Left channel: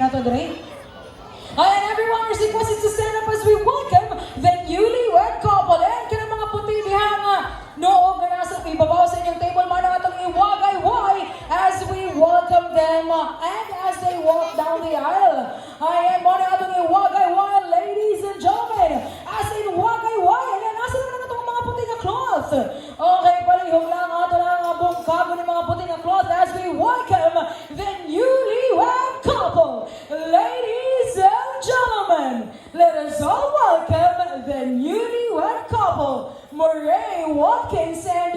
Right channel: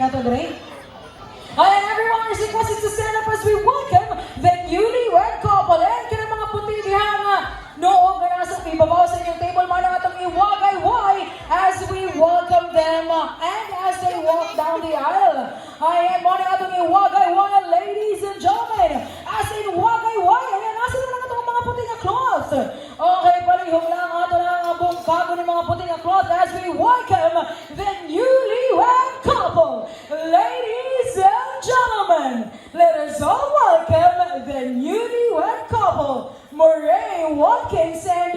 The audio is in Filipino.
nato dre. Ayan, everyone is requested to stand up as we welcome the newlywed couple. Ayan, kaya mga puti diha nga noong nasa ibabaw sa inyong table, mga atong iwagay-way as we welcome them and as they walk down the aisle. Ayan, mga atong iwagay-way, ladies and gentlemen, as in wagay-way, ayan, nasa naman atong mga puti na cloth. Okay, palihog lang ato lang ang buong kago ng mga puti na cloth as we welcome the newlywed couple. Ladies and gentlemen, let us all welcome the newlywed couple, Murray Watkins and